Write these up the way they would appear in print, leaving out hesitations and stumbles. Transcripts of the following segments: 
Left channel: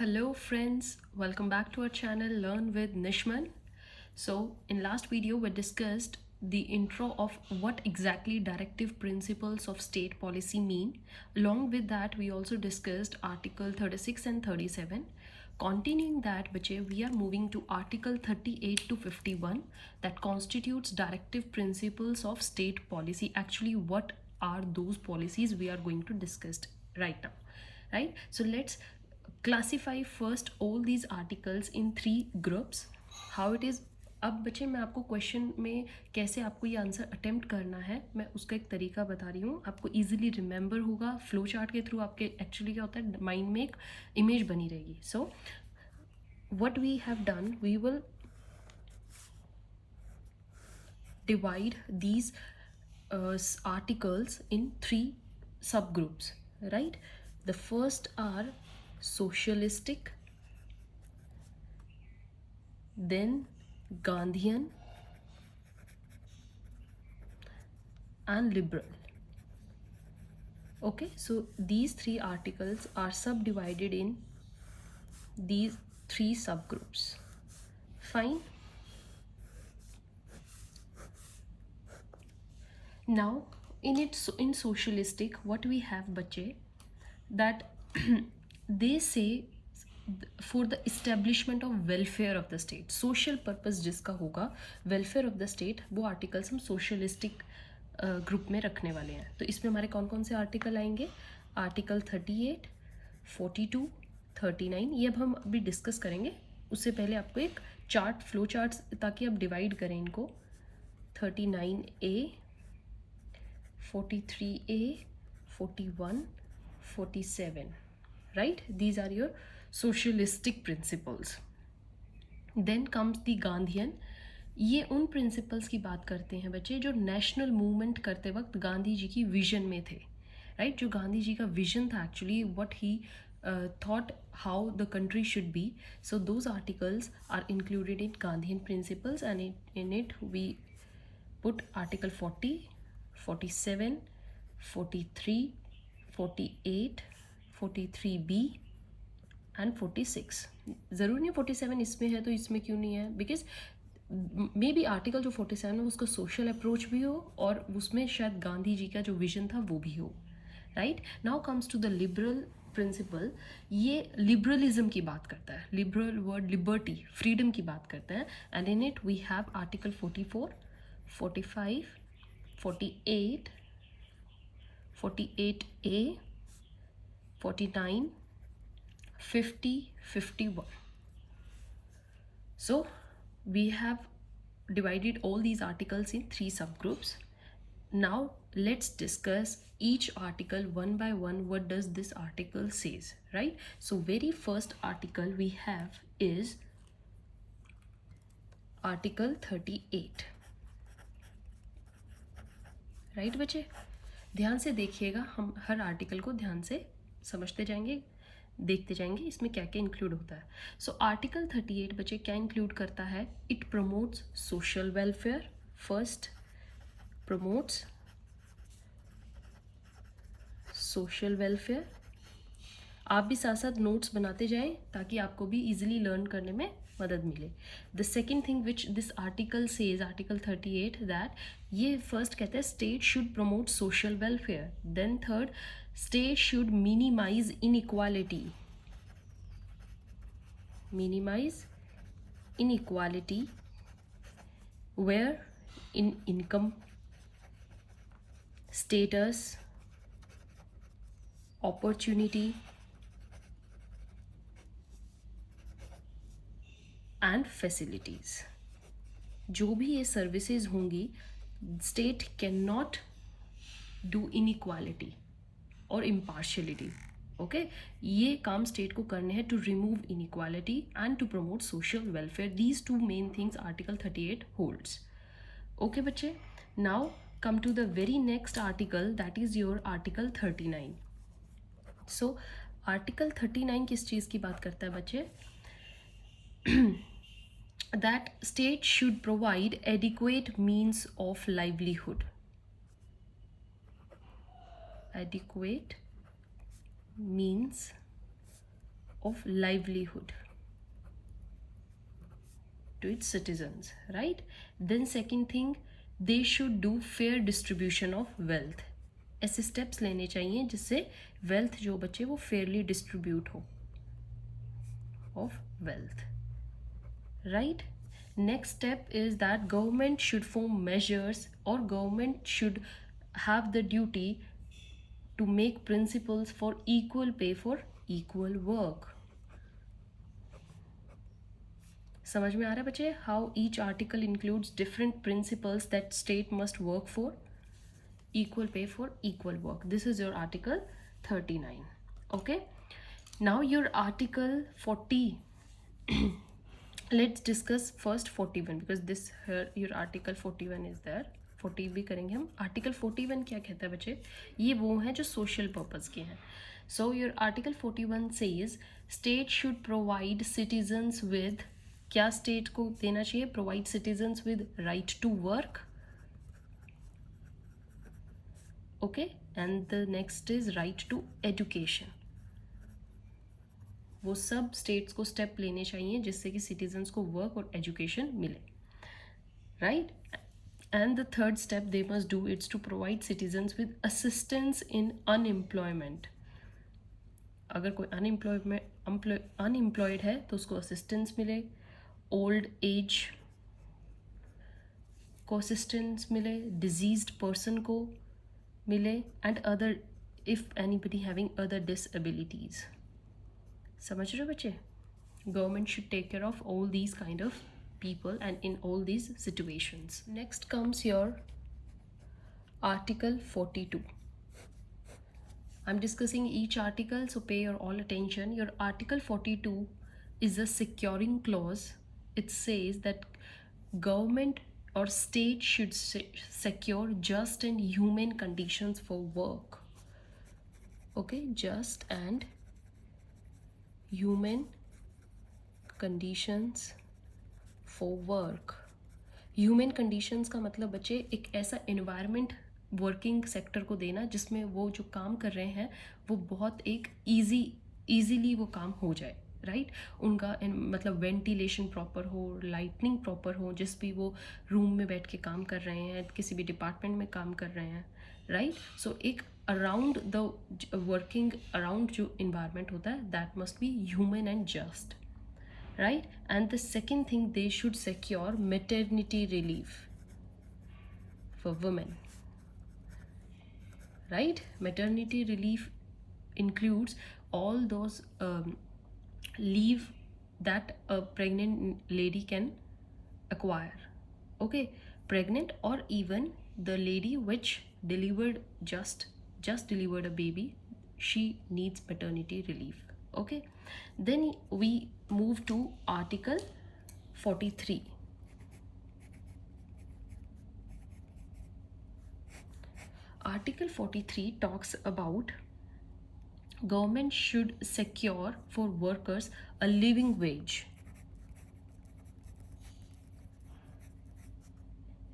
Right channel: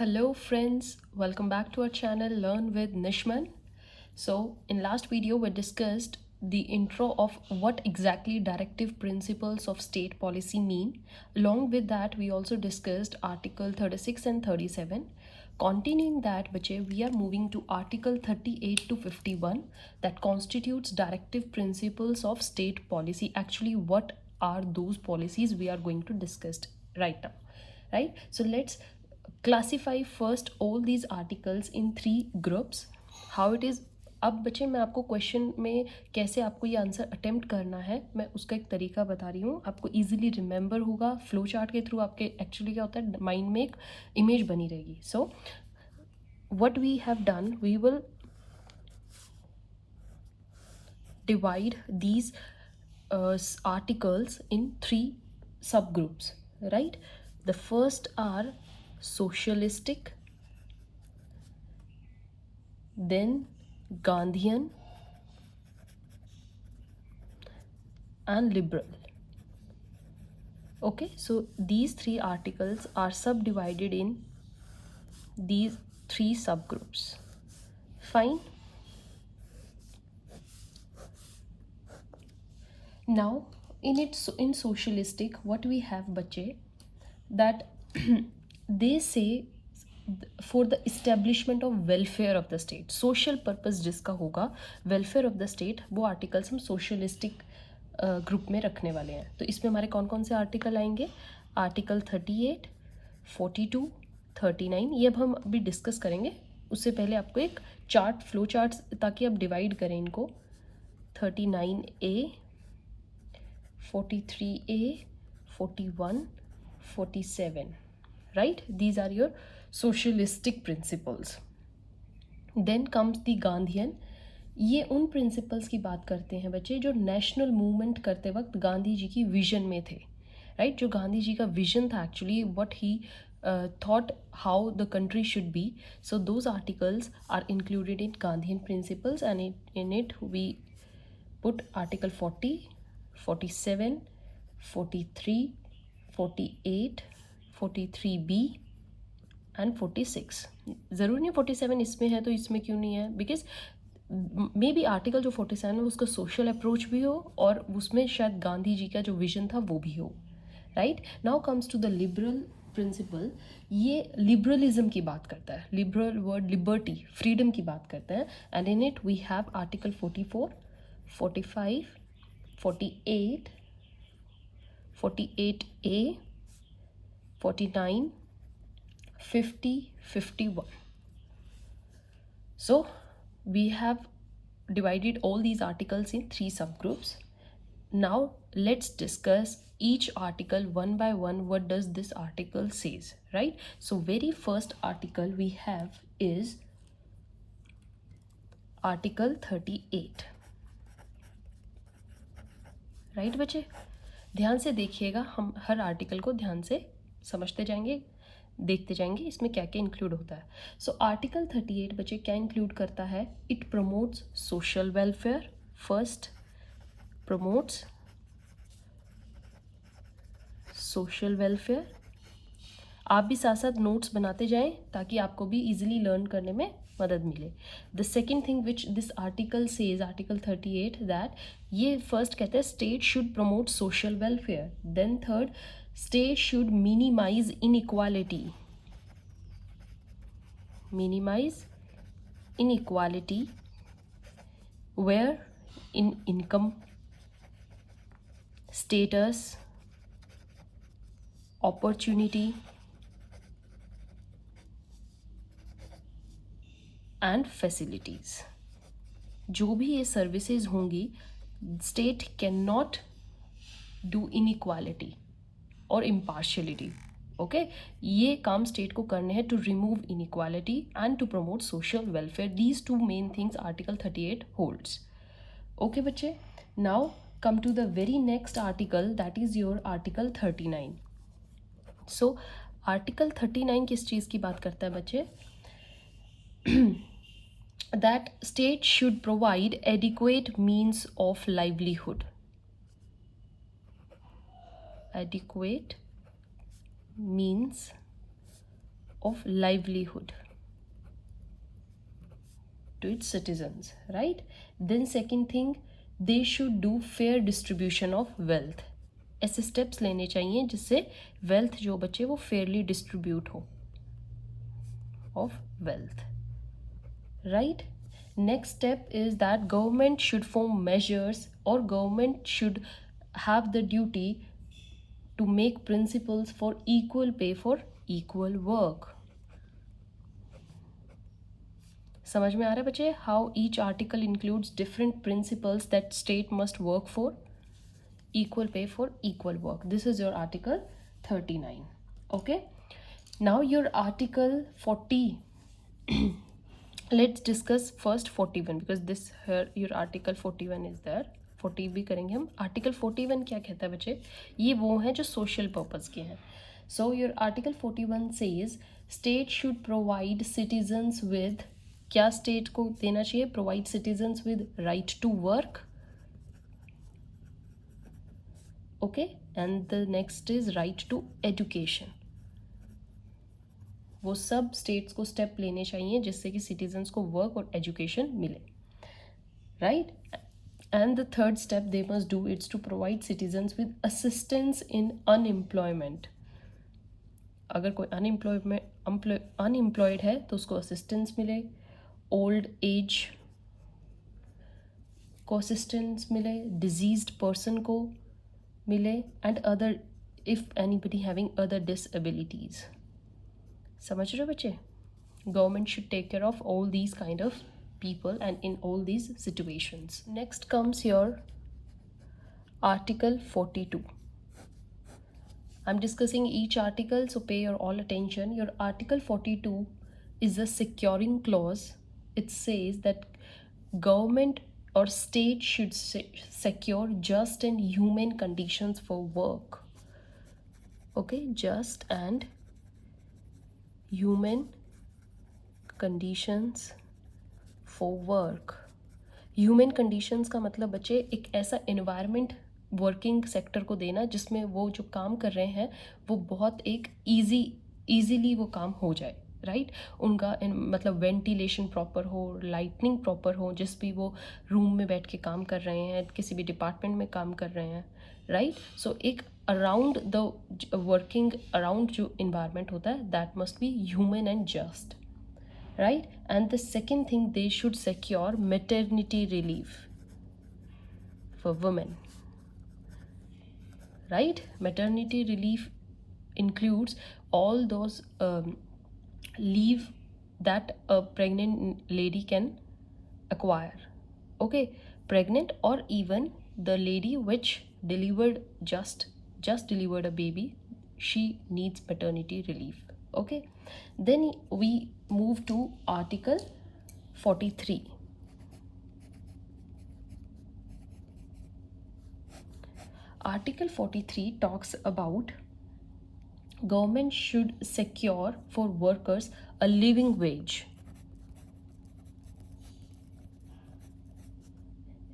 Hello friends, welcome back to our channel Learn with NISHMAN. So in last video we discussed the intro of what exactly directive principles of state policy mean. Along with that we also discussed article 36 and 37. Continuing that bache, we are moving to article 38 to 51 that constitutes directive principles of state policy. Actually what are those policies we are going to discuss right now, right? So let's classify first all these articles in three groups. How it is, अब बच्चे मैं आपको question में कैसे आपको ये answer attempt करना है मैं उसका एक तरीका बता रही हूँ, आपको इजीली रिमेंबर होगा। फ्लो चार्ट के थ्रू आपके एक्चुअली क्या होता है, माइंड में एक इमेज बनी रहेगी। So what we have done, we will divide these articles in three subgroups, right? The first are socialistic, then Gandhian and liberal. Okay, so these three articles are subdivided in these three subgroups. Fine. Now in socialistic what we have bache, that they say for the establishment of welfare of the state, social purpose जिसका होगा welfare of the state, वो articles हम socialistic group में रखने वाले हैं। तो इसमें हमारे कौन कौन से आर्टिकल आएंगे, आर्टिकल 38, 42, 39, ये अब हम अभी डिस्कस करेंगे। उससे पहले आपको एक चार्ट, फ्लो चार्ट्स, ताकि आप डिवाइड करें इनको। 39A, 43A, 41, 47, right? These are your socialistic principles. Then comes the Gandhian. ये उन प्रिंसिपल्स की बात करते हैं बच्चे जो नेशनल मूवमेंट करते वक्त गांधी जी की विजन में थे, राइट? जो गांधी जी का विजन था actually, what he thought how the country should be. So those articles are included in Gandhian principles, and in it we put article 40, 47, 43, 48, 43B and 46. ज़रूर नहीं 47 इसमें है तो इसमें क्यों नहीं है, बिकॉज मे बी आर्टिकल जो 47 है उसका सोशल अप्रोच भी हो और उसमें शायद गांधी जी का जो विजन था वो भी हो, right? Now comes to the liberal principle. ये लिबरलिज्म की बात करता है, लिबरल वर्ड लिबर्टी, फ्रीडम की बात करता है। And in it we have article 44, 45, 48, 48A, 49, 50, 51. So we have divided all these articles in three subgroups. Now let's discuss each article one by one. What does this article says, right? So very first article we have is article 38, right बच्चे? ध्यान से देखिएगा, हम हर article को ध्यान से समझते जाएंगे, देखते जाएंगे इसमें क्या क्या इंक्लूड होता है। सो आर्टिकल 38 बच्चे क्या इंक्लूड करता है? It promotes social welfare. First, promotes social welfare. आप भी साथ साथ नोट्स बनाते जाएं ताकि आपको भी इजीली लर्न करने में मदद मिले। The second thing which this article says, article 38, that ये फर्स्ट कहते हैं state should promote social welfare. Then third, state should minimize inequality, where in income, status, opportunity and facilities, जो भी ये सर्विसेज होंगी, state can not do inequality और impartiality. Okay, ये काम स्टेट को करने हैं to remove inequality and to promote social welfare. These two main things article 38 holds. Okay बच्चे, now come to the very next article, that is your article 39। So article 39 किस चीज़ की बात करता है बच्चे? That state should provide adequate means of livelihood, adequate means of livelihood to its citizens, right? Then second thing, they should do fair distribution of wealth. ऐसे steps लेने चाहिए जिससे wealth जो बचे वो fairly distribute हो of wealth, right? Next step is that government should form measures, or government should have the duty to make principles for equal pay for equal work. समझ में आ रहा है बच्चे? How each article includes different principles that state must work for equal pay for equal work. This is your article 39. Okay, now your article 40. Let's discuss first 41 because this here your article 41 is there. 40 भी करेंगे हम. article 41 क्या कहता है बच्चे? ये वो है जो social purpose के हैं. So your article 41 says state should provide citizens with, क्या state को देना चाहिए? Provide citizens with right to work. Okay, and the next is right to education. वो सब states को step लेने चाहिए जिससे कि citizens को work और education मिले, right? And the third step they must do is to provide citizens with assistance in unemployment. अगर कोई unemployed है तो उसको assistance मिले, old age को assistance मिले, diseased person को मिले, and other if anybody having other disabilities. समझ रहे हो बच्चे? Government should take care of all these kind of people and in all these situations. Next comes your article 42. I'm discussing each article, so pay your all attention. Your article 42 is a securing clause. It says that government or state should secure just and human conditions for work. Okay, just and human conditions for work. Human conditions का मतलब बच्चे एक ऐसा environment working sector को देना जिसमें वो जो काम कर रहे हैं वो बहुत एक easily वो काम हो जाए, राइट? उनका मतलब वेंटिलेशन प्रॉपर हो, लाइटनिंग प्रॉपर हो, जिस भी वो रूम में बैठ के काम कर रहे हैं, किसी भी डिपार्टमेंट में काम कर रहे हैं, राइट? सो एक अराउंड द वर्किंग अराउंड जो इन्वायरमेंट होता है that must be human and just, right? And the second thing they should secure maternity relief for women, right? Maternity relief includes all those leave that a pregnant lady can acquire. Okay, pregnant or even the lady which delivered just delivered a baby, she needs maternity relief. Okay, then we move to article 43. Article 43 talks about government should secure for workers a living wage.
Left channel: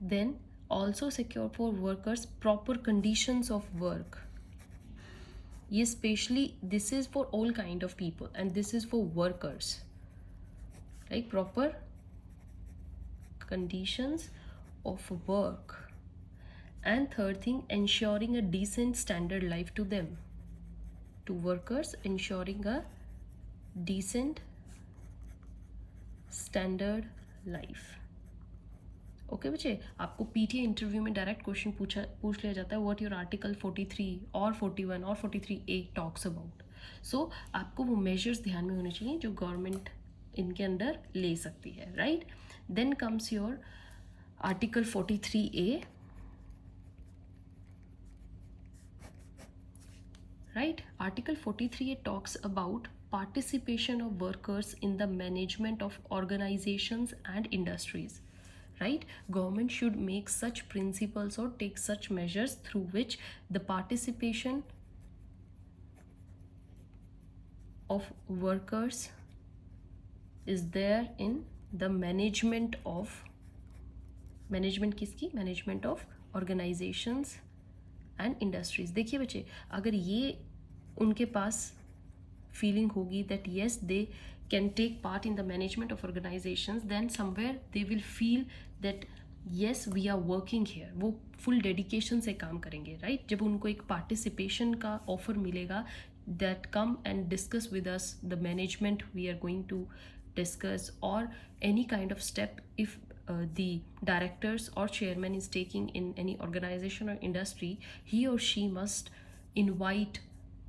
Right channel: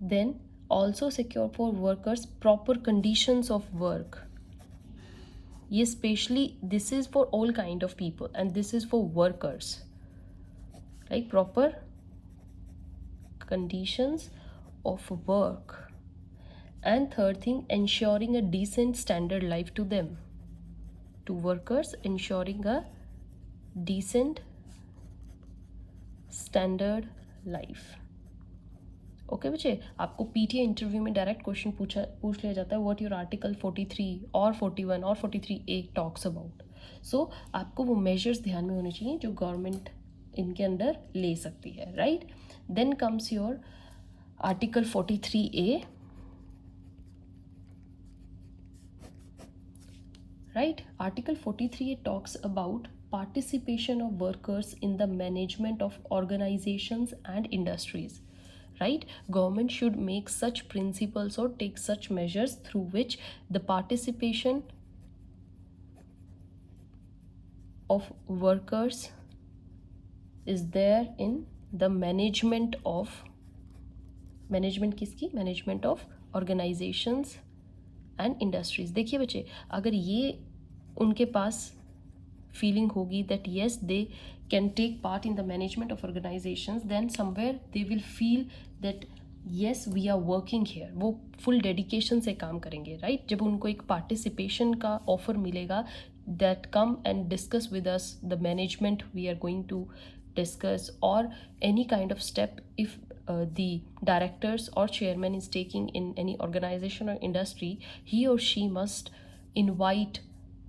Then also secure for workers proper conditions of work. Yes, especially this is for all kind of people and this is for workers, like proper conditions of work. And third thing, ensuring a decent standard life to them, to workers, ensuring a decent standard life. Okay बच्चे, आपको PTA interview में direct question पूछ लिया जाता है what your article 43 और 41 और 43A talks about. सो आपको वो मेजर्स ध्यान में होने चाहिए जो गवर्नमेंट इनके अंदर ले सकती है, right? Then comes your article 43A, right? Article 43 talks about participation of workers in the management of organizations and industries, right? Government should make such principles or take such measures through which the participation of workers is there in the management किसकी? management of organizations and industries. देखिए बच्चे, अगर ये उनके पास feeling होगी that yes they can take part in the management of organizations, then somewhere they will feel that yes we are working here, वो full dedication से काम करेंगे, right? जब उनको एक participation का offer मिलेगा, that come and discuss with us the management we are going to discuss, or any kind of step if the directors or chairman is taking in any organization or industry, he or she must invite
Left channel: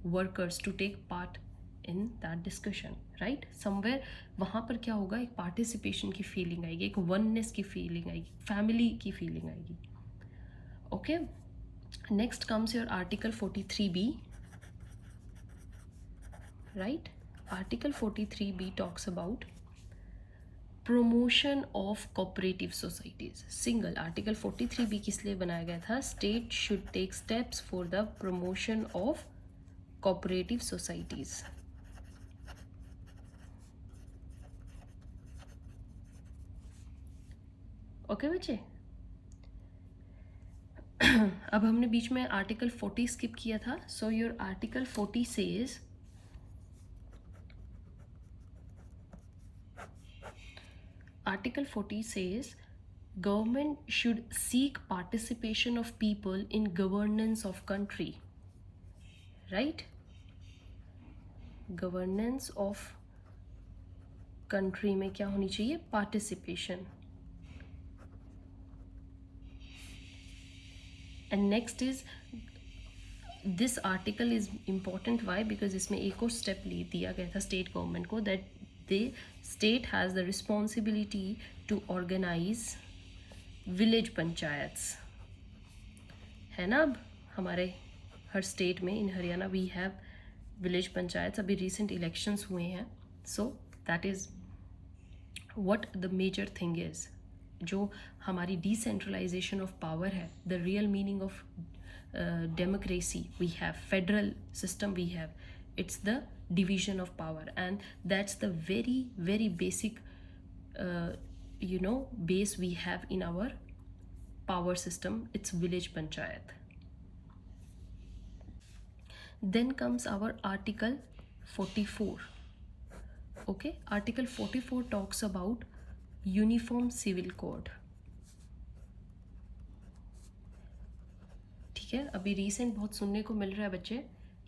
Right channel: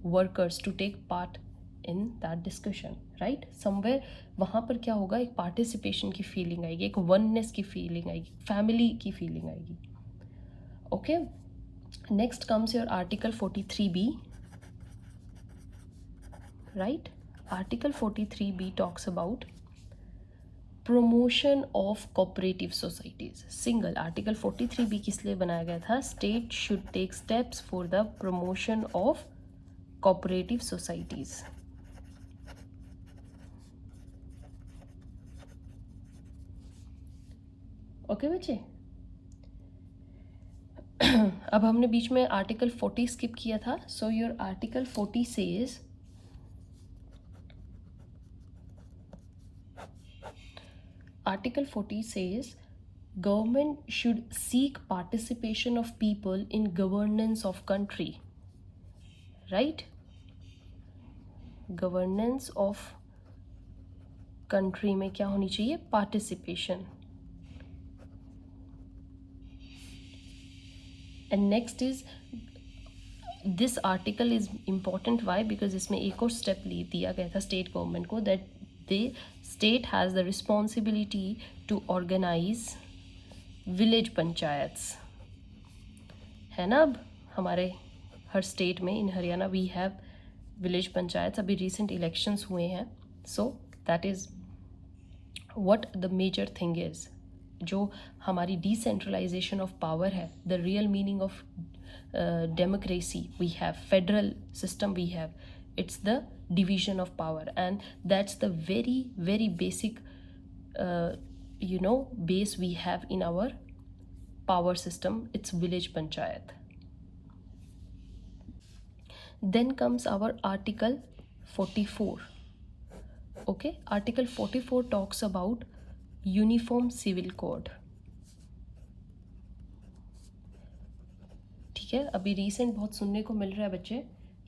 workers to take part in that discussion, right? Somewhere वहाँ पर क्या होगा, एक participation की feeling आएगी, एक oneness की feeling आएगी, फैमिली की फीलिंग आएगी. Okay, next comes your article 43B, right? Article 43B talks about promotion of cooperative societies. Single article 43B किस लिए बनाया गया था? State should take steps for the promotion of cooperative societies. Okay बच्चे, अब हमने बीच में आर्टिकल 40 स्किप किया था. So your article 40 says Article 40 says government should seek participation of people in governance of country, right? Governance of country में क्या होनी चाहिए? Participation. And next is, this article is important. Why? Because इसमें एक और step ले दिया गया था state government को, that the state has the responsibility to organize village panchayats, है ना? अब हमारे हर स्टेट में, in Haryana we have village panchayat. अभी रिसेंट इलेक्शंस हुए हैं, so that is what the major thing is. जो हमारी डिसेंट्रलाइजेशन ऑफ पावर है, the real meaning of democracy we have, federal system we have, it's the division of power, and that's the very very basic base we have in our power system. It's village panchayat. Then comes our article 44. Okay, article 44 talks about uniform civil code. ठीक है, अभी recent बहुत सुनने को मिल रहा है बच्चे,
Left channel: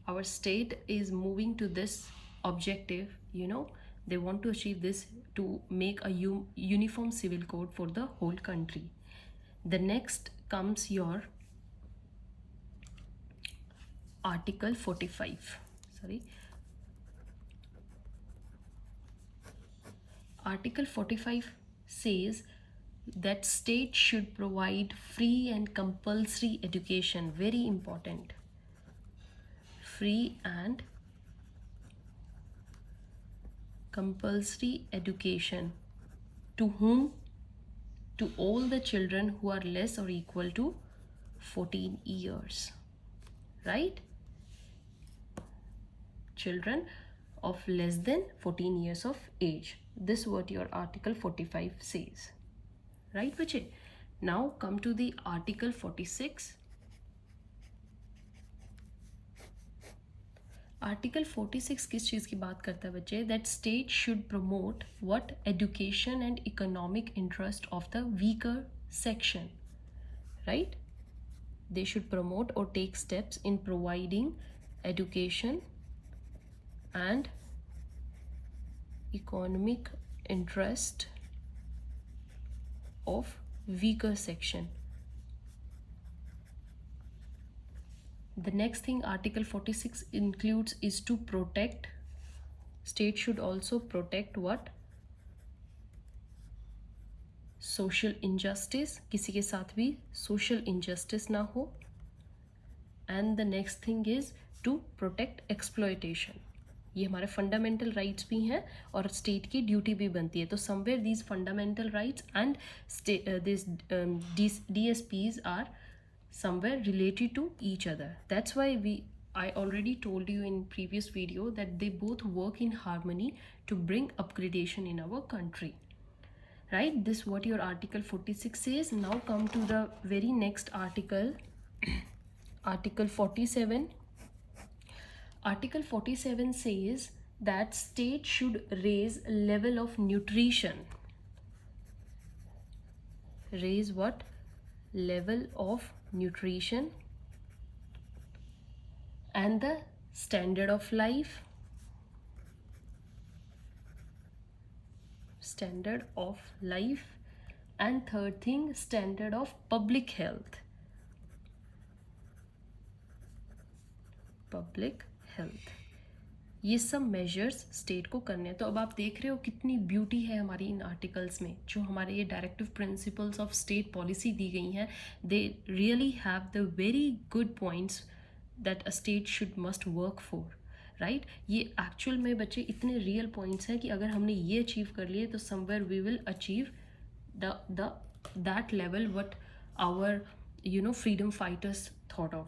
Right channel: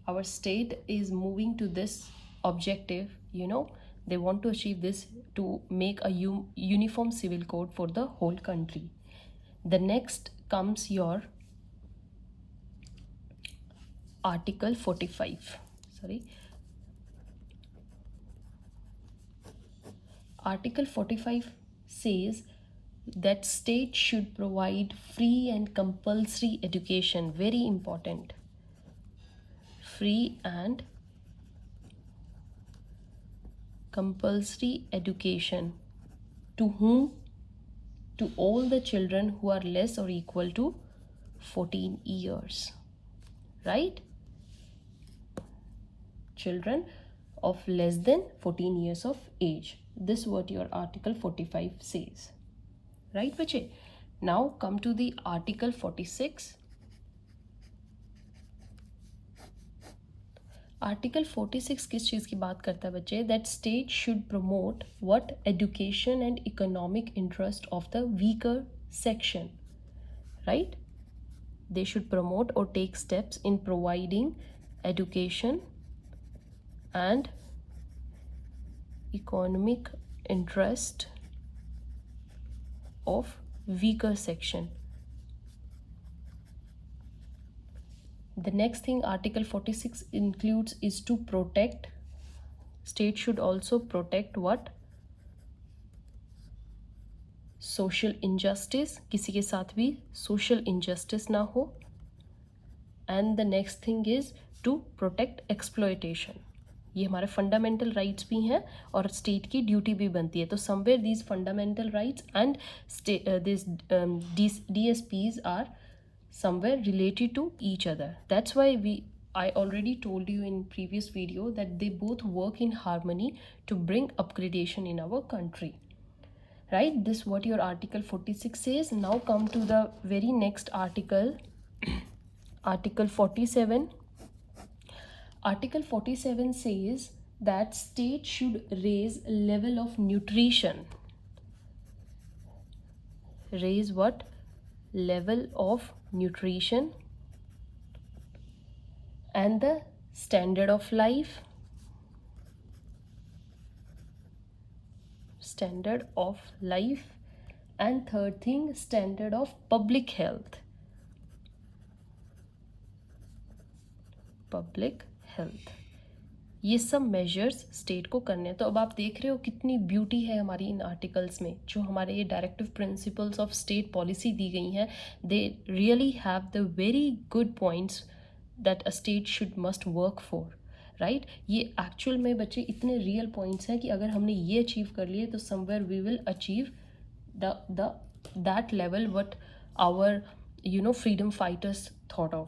our state is moving to this objective, they want to achieve this, to make a uniform civil code for the whole country. The next comes your article 45. Article 45 says that state should provide free and compulsory education. Very important. Free and compulsory education. To whom? To all the children who are less or equal to 14 years. Right? Children of less than 14 years of age. This is what your article 45 says. Right, bache? Now come to the article 46. Article 46 किस चीज़ की बात करता है बच्चे? That state should promote what? Education and economic interest of the weaker section, right? They should promote और take steps in providing education and economic interest of weaker section. The next thing article 46 includes is to protect. State should also protect what? Social injustice. किसी के साथ भी social injustice ना हो. And the next thing is to protect exploitation. ये हमारे fundamental rights भी हैं और स्टेट की ड्यूटी भी बनती है. तो somewhere these fundamental rights and this DSPs are somewhere related to each other. That's why I already told you in previous video that they both work in harmony to bring upgradation in our country, right? This what your article 46 says. Now come to the very next article, article 47. Article 47 says that state should raise level of nutrition. Raise what? Level of nutrition and the standard of life. Standard of life. And third thing, standard of public health. Public health. ये सब measures state को करने हैं. तो अब आप देख रहे हो कितनी ब्यूटी है हमारी इन आर्टिकल्स में. जो हमारे ये directive principles of state policy दी गई हैं, they really have the very good points that a state should must work for, right. ये एक्चुअल में बच्चे इतने रियल पॉइंट्स हैं कि अगर हमने ये अचीव कर लिए तो somewhere we will achieve the that level what our freedom fighters thought of,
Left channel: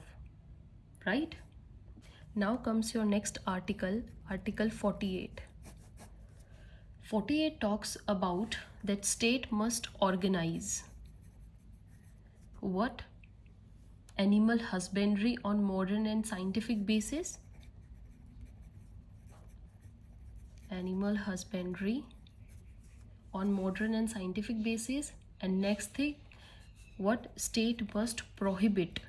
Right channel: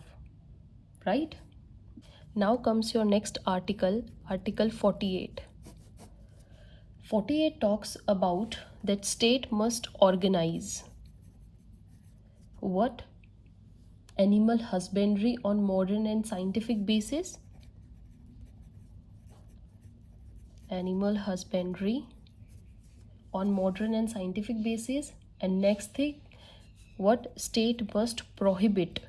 right. Now comes your next article, Article 48. 48 talks about that state must organize what? Animal husbandry on modern and scientific basis. Animal husbandry on modern and scientific basis. And next thing, what? State must prohibit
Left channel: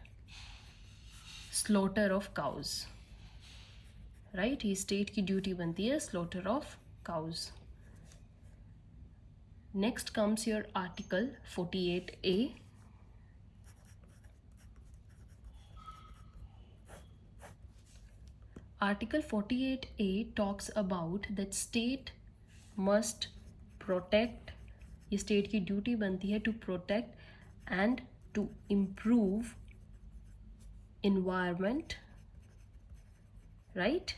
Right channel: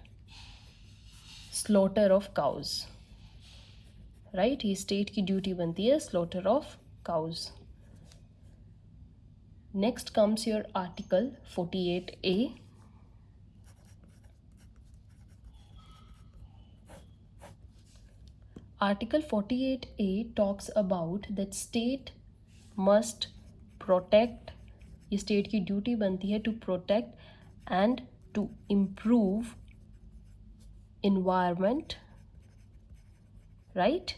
slaughter of cows, right. ये state की duty बनती है slaughter of cows. Next comes your article 48A. Article 48A talks about that state must protect. ये state की duty बनती है to protect and to improve environment, right.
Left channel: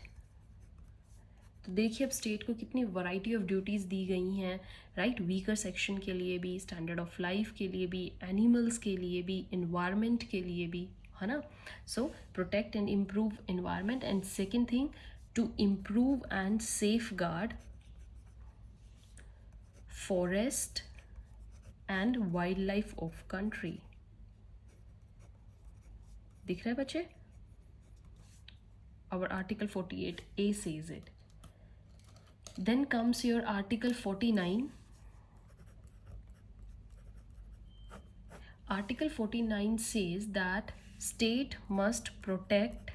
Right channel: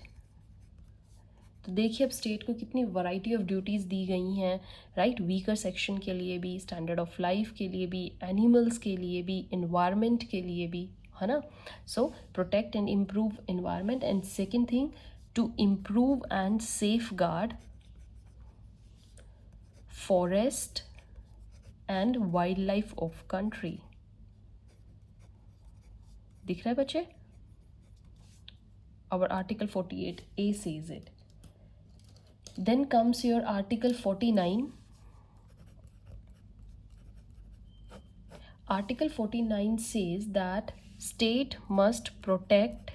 तो देखिए अब स्टेट को कितनी वैरायटी ऑफ ड्यूटीज़ दी गई हैं, राइट. वीकर सेक्शन के लिए भी, स्टैंडर्ड ऑफ लाइफ के लिए भी, एनिमल्स के लिए भी, इन्वायरमेंट के लिए भी, है ना. So protect and improve environment. And second thing, to improve and safeguard forest and wildlife of country. दिख रहा है बच्चे? Our Article 48A says it. Then comes your Article 49. Article 49 says that state must protect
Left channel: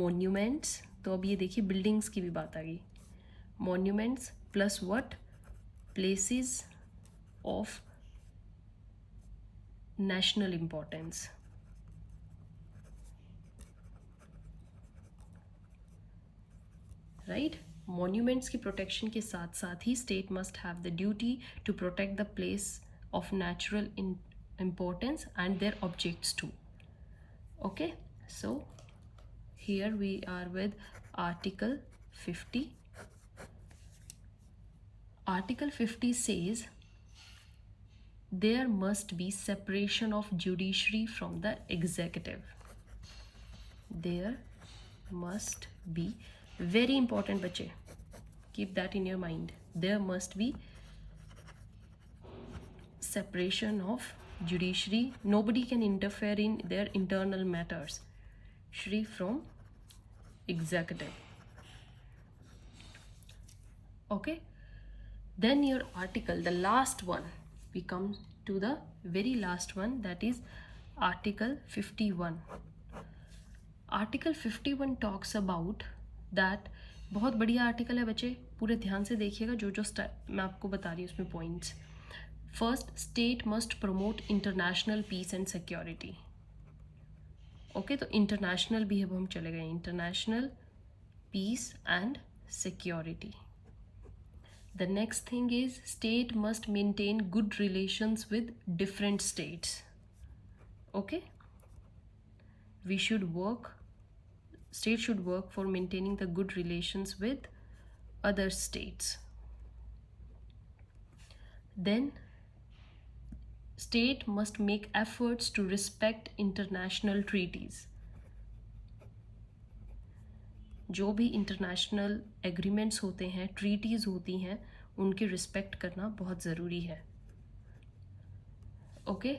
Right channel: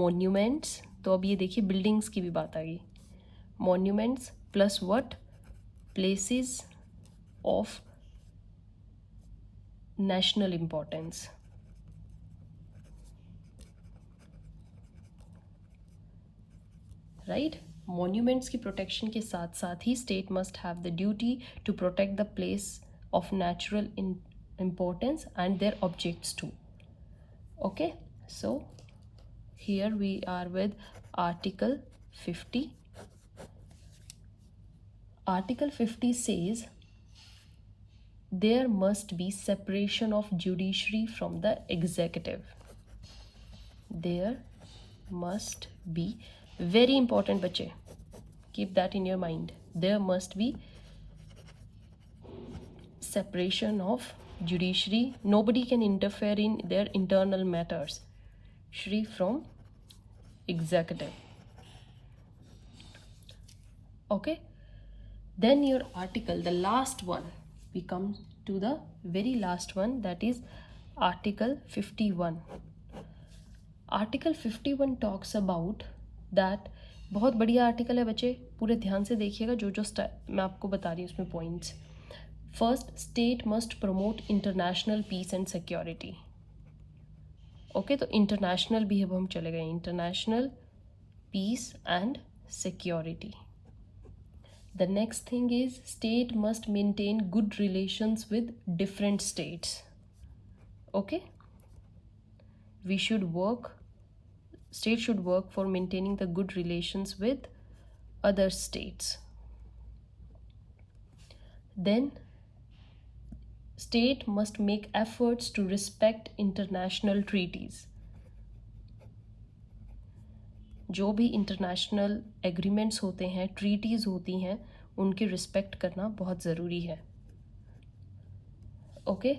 monuments. तो अब ये देखिए buildings की भी बात आ गई. Monuments plus what? Places of national importance. Right. Monuments की प्रोटेक्शन के साथ साथ ही state must have the duty to protect the place of natural importance and their objects too. Okay, so here we are with Article 50. Article 50 says there must be separation of judiciary from the executive. There must be, very important बच्चे, keep that in your mind, there must be separation of judiciary. Nobody can interfere in their internal matters. Shri from executive. Okay, then your article, the last one, we come to the very last one, that is Article 51. Article 51 talks about that. बहुत बढ़िया article है बच्चे, पूरे ध्यान से देखिएगा जो जो मैं आपको बता रही हूँ उसमें points. First, state must promote international peace and security. Okay, तो इंटरनेशनल भी अब हम चले गए, international peace and security. The next thing is state must maintain good relations with different states. Okay, we should work, state should work for maintaining the good relations with other states. Then state must make efforts to respect international treaties. जो भी international agreements होते हैं, treaties होती हैं, उनकी respect करना बहुत ज़रूरी है. Okay,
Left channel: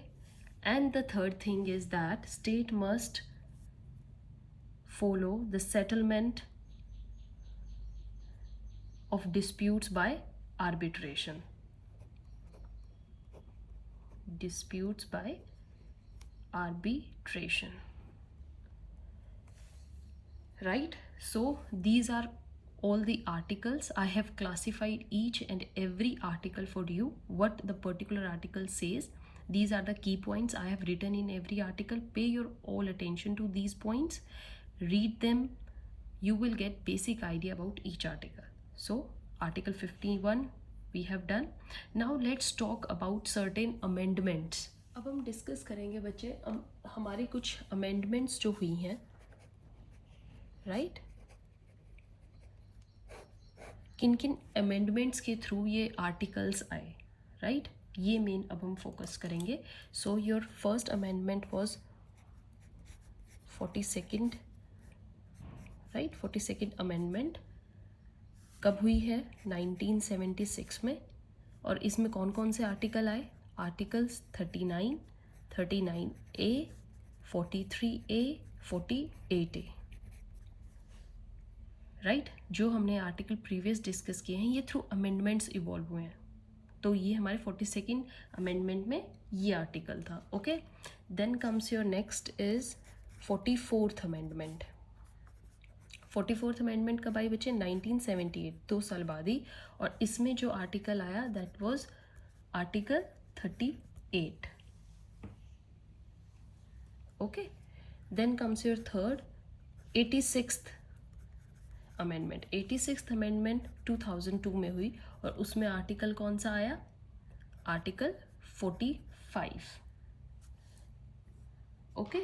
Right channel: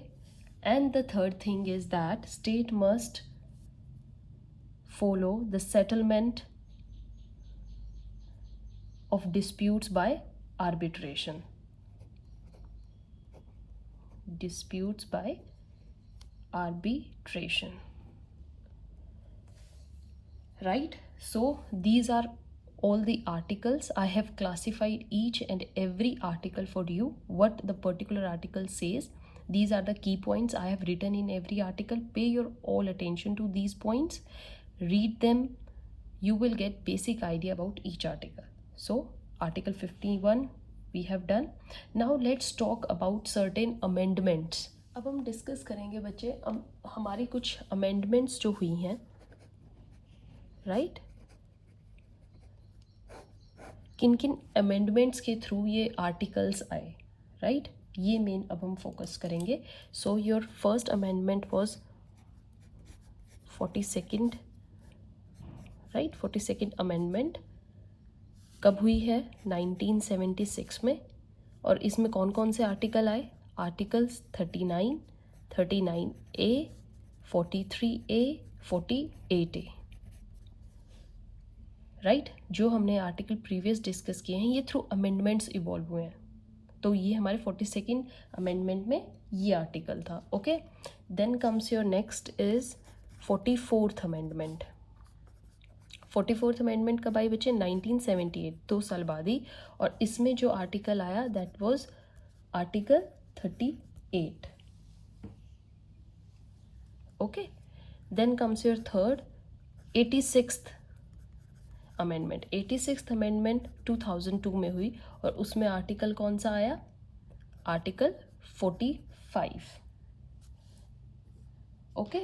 and the third thing is that state must follow the settlement of disputes by arbitration. Disputes by arbitration. Right? So these are all the articles. I have classified each and every article for you, what the particular article says. These are the key points I have written in every article. Pay your all attention to these points, read them. You will get basic idea about each article. So article 51 we have done. Now let's talk about certain amendments. अब हम discuss करेंगे बच्चे हमारी कुछ amendments जो हुई हैं, right? किन किन अमेंडमेंट्स के थ्रू ये आर्टिकल्स आए, राइट? ये मेन अब हम फोकस करेंगे. So your first amendment was 42nd, right? 42nd amendment कब हुई है? 1976 में. और इसमें कौन कौन से आर्टिकल आए? Articles 39, 39A, 43A, 48A, right? जो हमने आर्टिकल प्रीवियस डिस्कस किए हैं ये थ्रू अमेंडमेंट्स इवॉल्व हुए हैं. तो ये हमारे 42nd अमेंडमेंट में ये आर्टिकल था. Okay, then comes your next is 44th amendment. 44th amendment कब आई बच्चे? 1978, 2 साल बाद ही. और इसमें जो आर्टिकल आया that was article 38. Okay, then comes your third 86th amendment. 86th amendment 2002 में हुई और उसमें आर्टिकल कौन सा आया? आर्टिकल 45. ओके,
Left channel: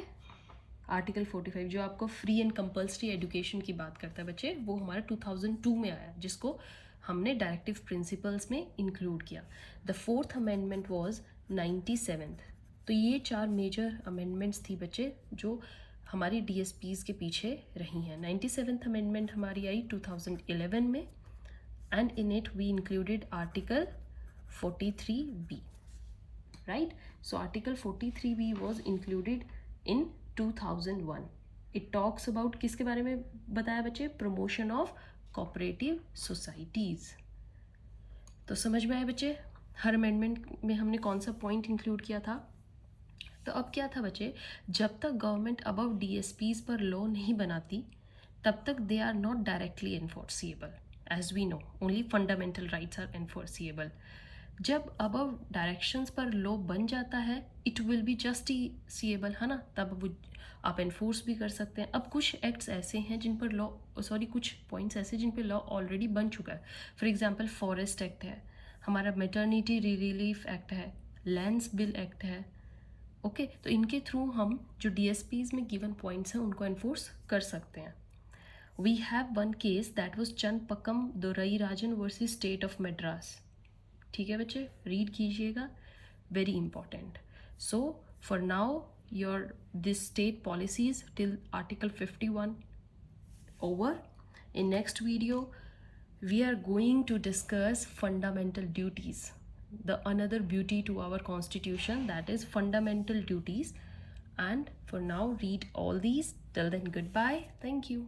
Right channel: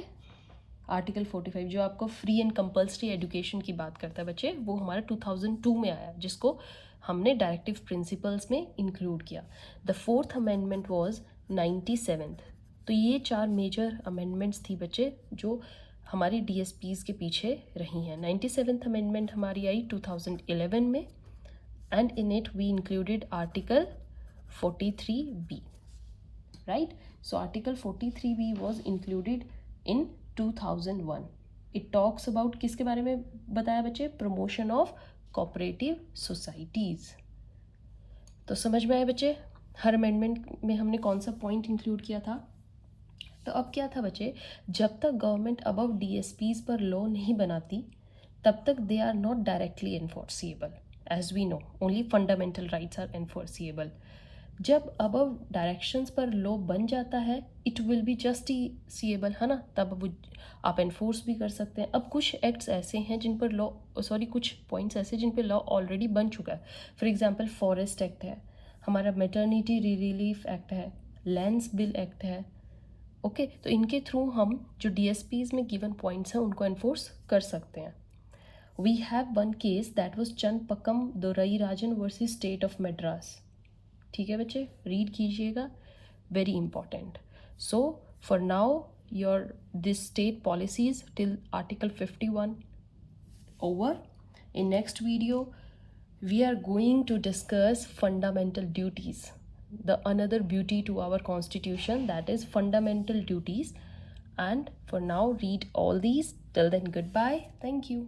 आर्टिकल 45 जो आपको फ्री एंड कंपल्सरी एजुकेशन की बात करता है बच्चे, वो हमारा 2002 में आया जिसको हमने डायरेक्टिव प्रिंसिपल्स में इंक्लूड किया. The 4th amendment was 97th. तो ये 4 मेजर अमेंडमेंट्स थी बच्चे जो हमारी DSPs के पीछे रही हैं. 97th अमेंडमेंट हमारी आई 2011 में and in it we included article 43B, right? So article 43B was included in 2001. It talks about किसके बारे में बताया बच्चे? Promotion of cooperative societies. तो समझ में आया बच्चे हर अमेंडमेंट में हमने कौन सा पॉइंट इंक्लूड किया था? तो अब क्या था बच्चे, जब तक गवर्नमेंट अबव DSPs पर लॉ नहीं बनाती तब तक they are not directly enforceable. As we know only fundamental rights are enforceable. जब अबव डायरेक्शंस पर लॉ बन जाता है इट विल बी जस्टिसिएबल, है ना? तब वो आप एनफोर्स भी कर सकते हैं. अब कुछ एक्ट्स ऐसे हैं जिन पर लॉ कुछ पॉइंट्स ऐसे जिन पर लॉ ऑलरेडी बन चुका है. फॉर एग्जांपल फॉरेस्ट एक्ट है हमारा, मैटरनिटी रिलीफ एक्ट है, लैंड्स बिल एक्ट है. ओके, तो इनके थ्रू हम जो DSPs में गिवन पॉइंट्स हैं उनको एनफोर्स कर सकते हैं. We have one case that was Channapakkam Dorairajan versus state of Madras. ठीक है बच्चे, रीड कीजिएगा, very important. So for now your this state policies till article 51 over. In next video we are going to discuss fundamental duties, the another beauty to our constitution, that is fundamental duties. And for now read all these. Till then, goodbye, thank you.